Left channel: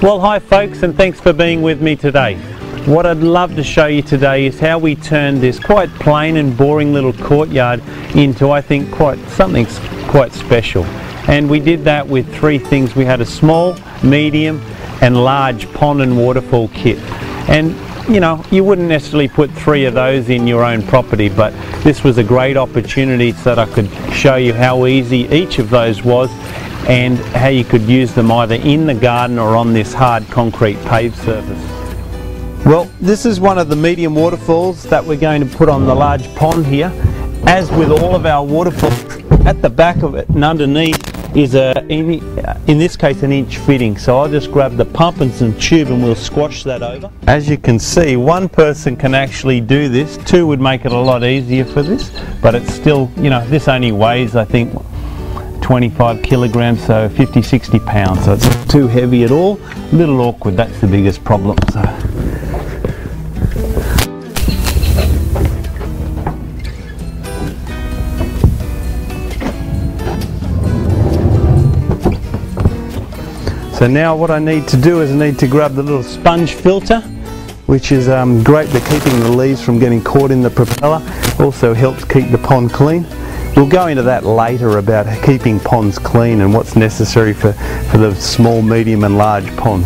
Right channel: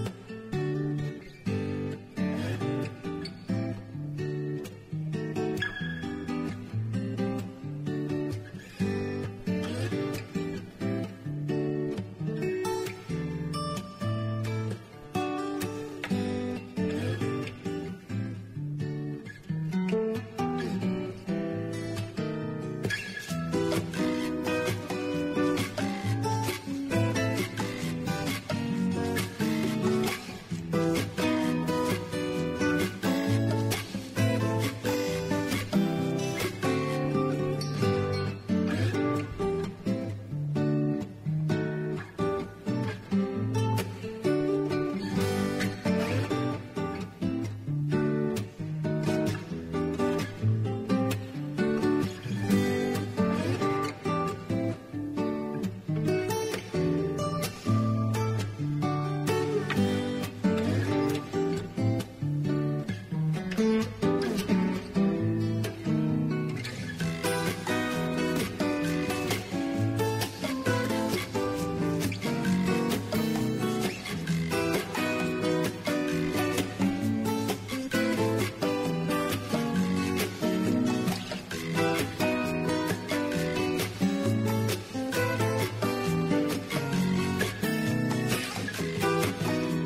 Well, hi folks, and thanks for being with me today. What I'd love to show you today is how we turned this quite plain and boring little courtyard into, I think, something quite special. And we did that with three things. We had a small, medium and large pond and waterfall kit. And you know, you wouldn't necessarily put three of those in your own property, but this was a great opportunity so that I could show you how easy each of those was and how you could use them either in the garden or on this hard concrete paved surface. Well, this is one of the medium waterfalls that we're going to put on the large pond here. As with all of our waterfalls, at the back of it and underneath is in this case an inch fitting. So I'll just grab the pump and some tube and we'll squash that over. As you can see, one person can actually do this. Two would make it a lot easier for this, but it's still, you know, this only weighs, I think, 25 kilograms, so 50-60 pounds, so it's not too heavy at all. A little awkward, that's the biggest problem. So now what I need to do is I need to grab the little sponge filter, which is great for keeping the leaves from getting caught in the propeller. Also helps keep the pond clean. We'll go into that later about keeping ponds clean and what's necessary for the small, medium and large pond.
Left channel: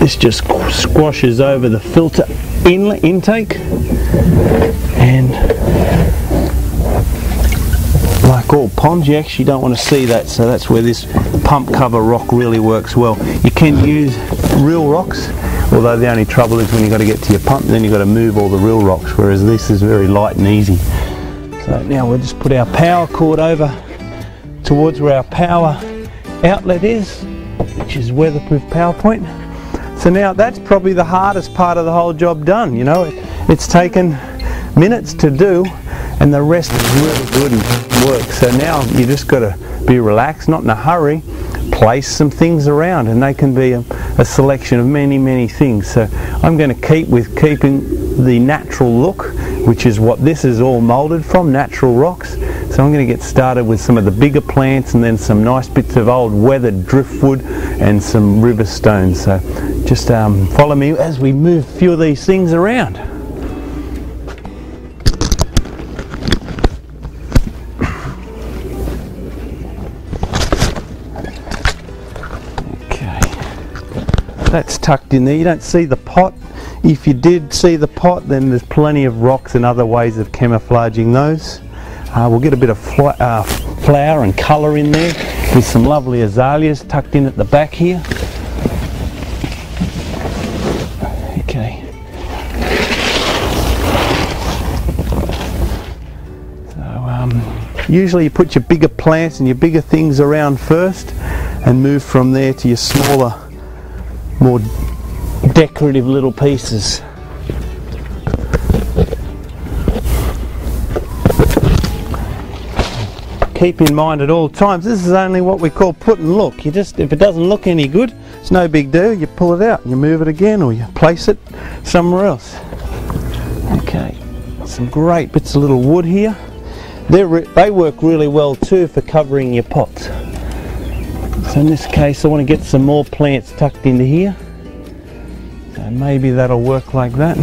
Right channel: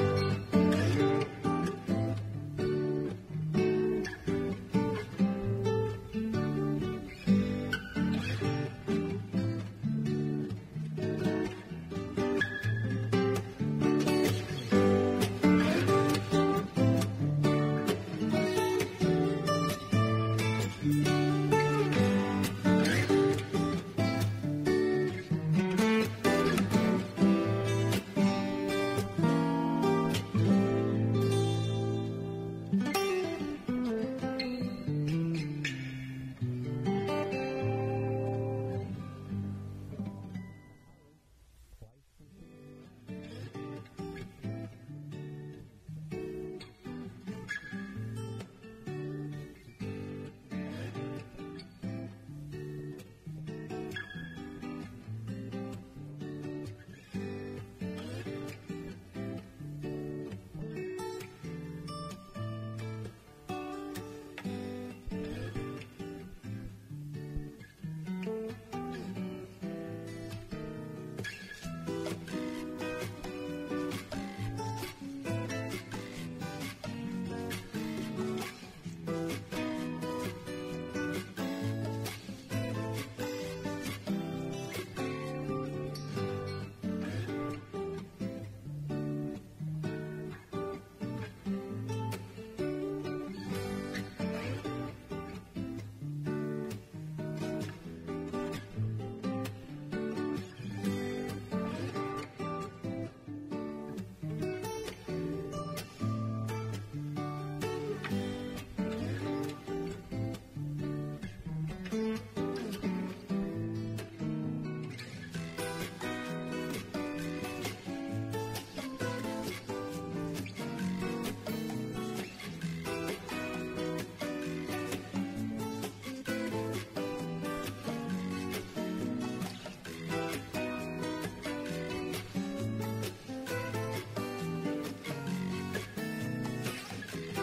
This just squashes over the filter intake, and like all ponds, you actually don't want to see that, so that's where this pump cover rock really works well. You can use real rocks, although the only trouble is when you've got to get to your pump, then you've got to move all the real rocks, whereas this is very light and easy. So now we'll just put our power cord over towards where our power outlet is, which is weatherproof power point. So now that's probably the hardest part of the whole job done. You know, it's taken minutes to do, and the rest is really good and work. So now you just got to be relaxed, not in a hurry, place some things around, and they can be a selection of many things. So I'm going to keep with keeping the natural look, which is what this is all moulded from, natural rocks. So I'm going to get started with some of the bigger plants and then some nice bits of old weathered driftwood and some river stones. So just follow me as we move a few of these things around. That's tucked in there. You don't see the pot. If you did see the pot, then there's plenty of rocks and other ways of camouflaging those. We'll get a bit of flower and colour in there with some lovely azaleas tucked in at the back here. Okay. So usually you put your bigger plants and your bigger things around first and move from there to your smaller, more decorative little pieces. Keep in mind at all times, this is only what we call put and look. You just, if it doesn't look any good, it's no big deal. You pull it out and you move it again, or you place it somewhere else. Okay, some great bits of little wood here. They work really well too for covering your pots. So in this case I want to get some more plants tucked into here, and maybe that'll work like that.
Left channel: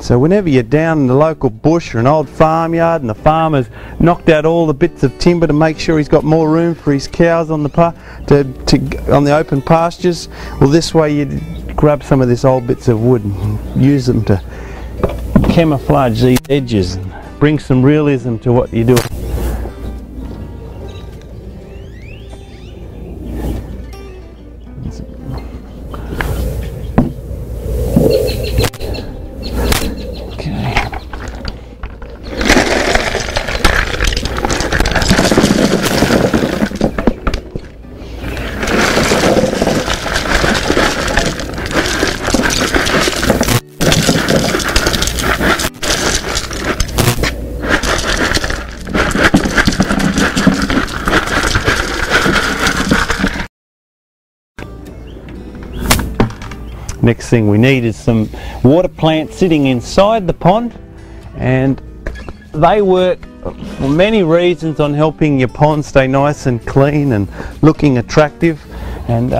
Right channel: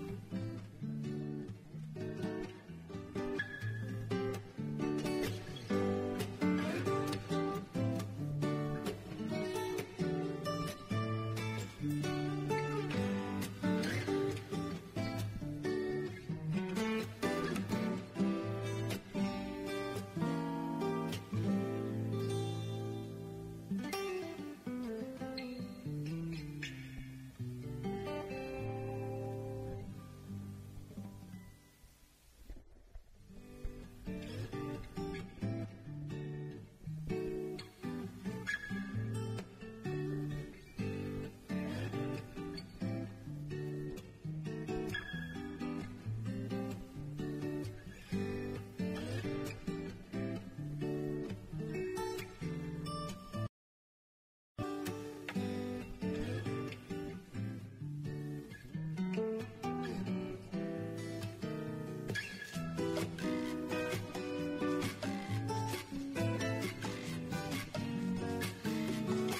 So whenever you're down in the local bush or an old farmyard and the farmer's knocked out all the bits of timber to make sure he's got more room for his cows on the open pastures, well, this way you grab some of these old bits of wood and use them to camouflage these edges and bring some realism to what you're doing. Next thing we need is some water plants sitting inside the pond, and they work for many reasons on helping your pond stay nice and clean and looking attractive. And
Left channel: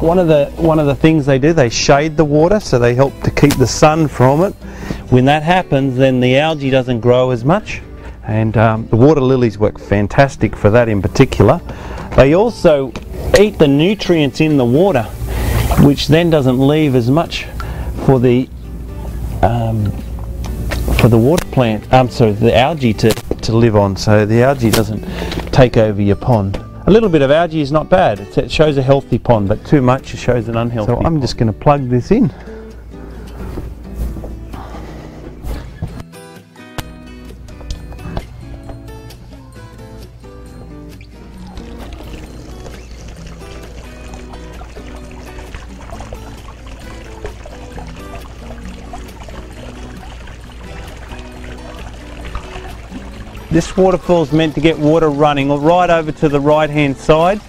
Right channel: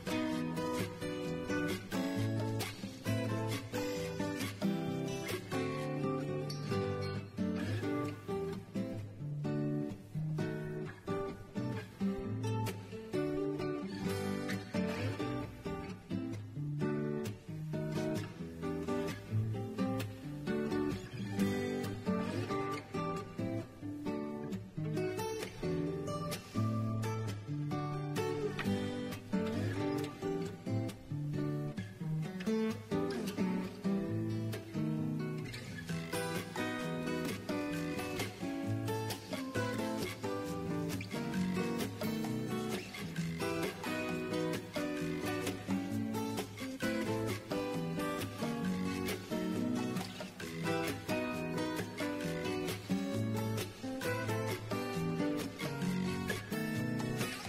one of the things they do, they shade the water, so they help to keep the sun from it. When that happens, then the algae doesn't grow as much, and the water lilies work fantastic for that in particular. They also eat the nutrients in the water, which then doesn't leave as much for the water plant, the algae to live on, so the algae doesn't take over your pond. A little bit of algae is not bad. It shows a healthy pond, but too much shows an unhealthy pond. So I'm just going to plug this in. This waterfall is meant to get water running right over to the right hand side,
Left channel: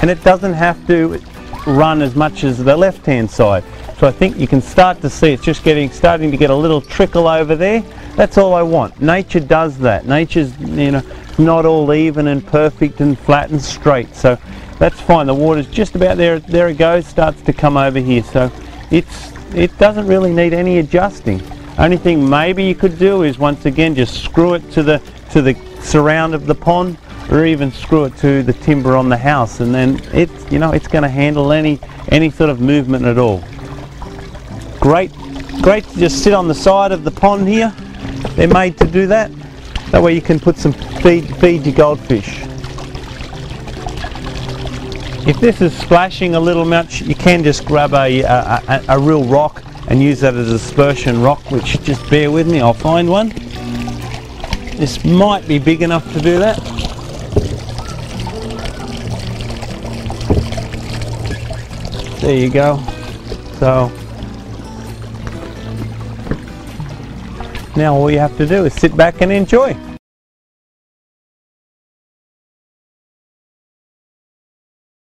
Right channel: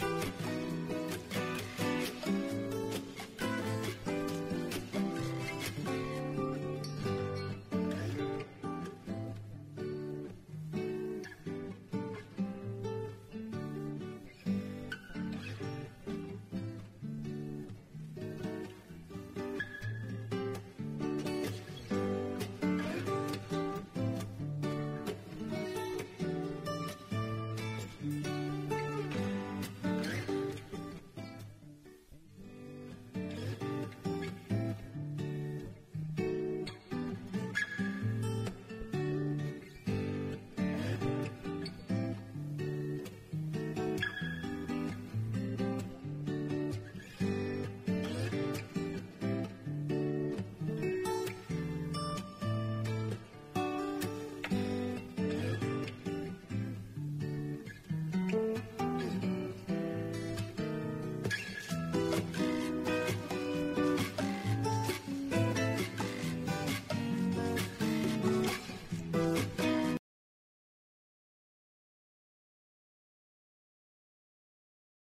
and it doesn't have to run as much as the left hand side. So I think you can start to see it's just starting to get a little trickle over there. That's all I want. Nature does that. Nature's, you know, not all even and perfect and flat and straight, so that's fine. The water's just about there. There it goes, starts to come over here. So it doesn't really need any adjusting. Only thing maybe you could do is once again just screw it to the surround of the pond, or even screw it to the timber on the house, and then it's going to handle any sort of movement at all. Great to just sit on the side of the pond here. They're made to do that. That way you can put some feed your goldfish. If this is splashing a little much, you can just grab a real rock and use that as a dispersion rock, which, just bear with me, I'll find one. This might be big enough to do that. There you go. So now all you have to do is sit back and enjoy.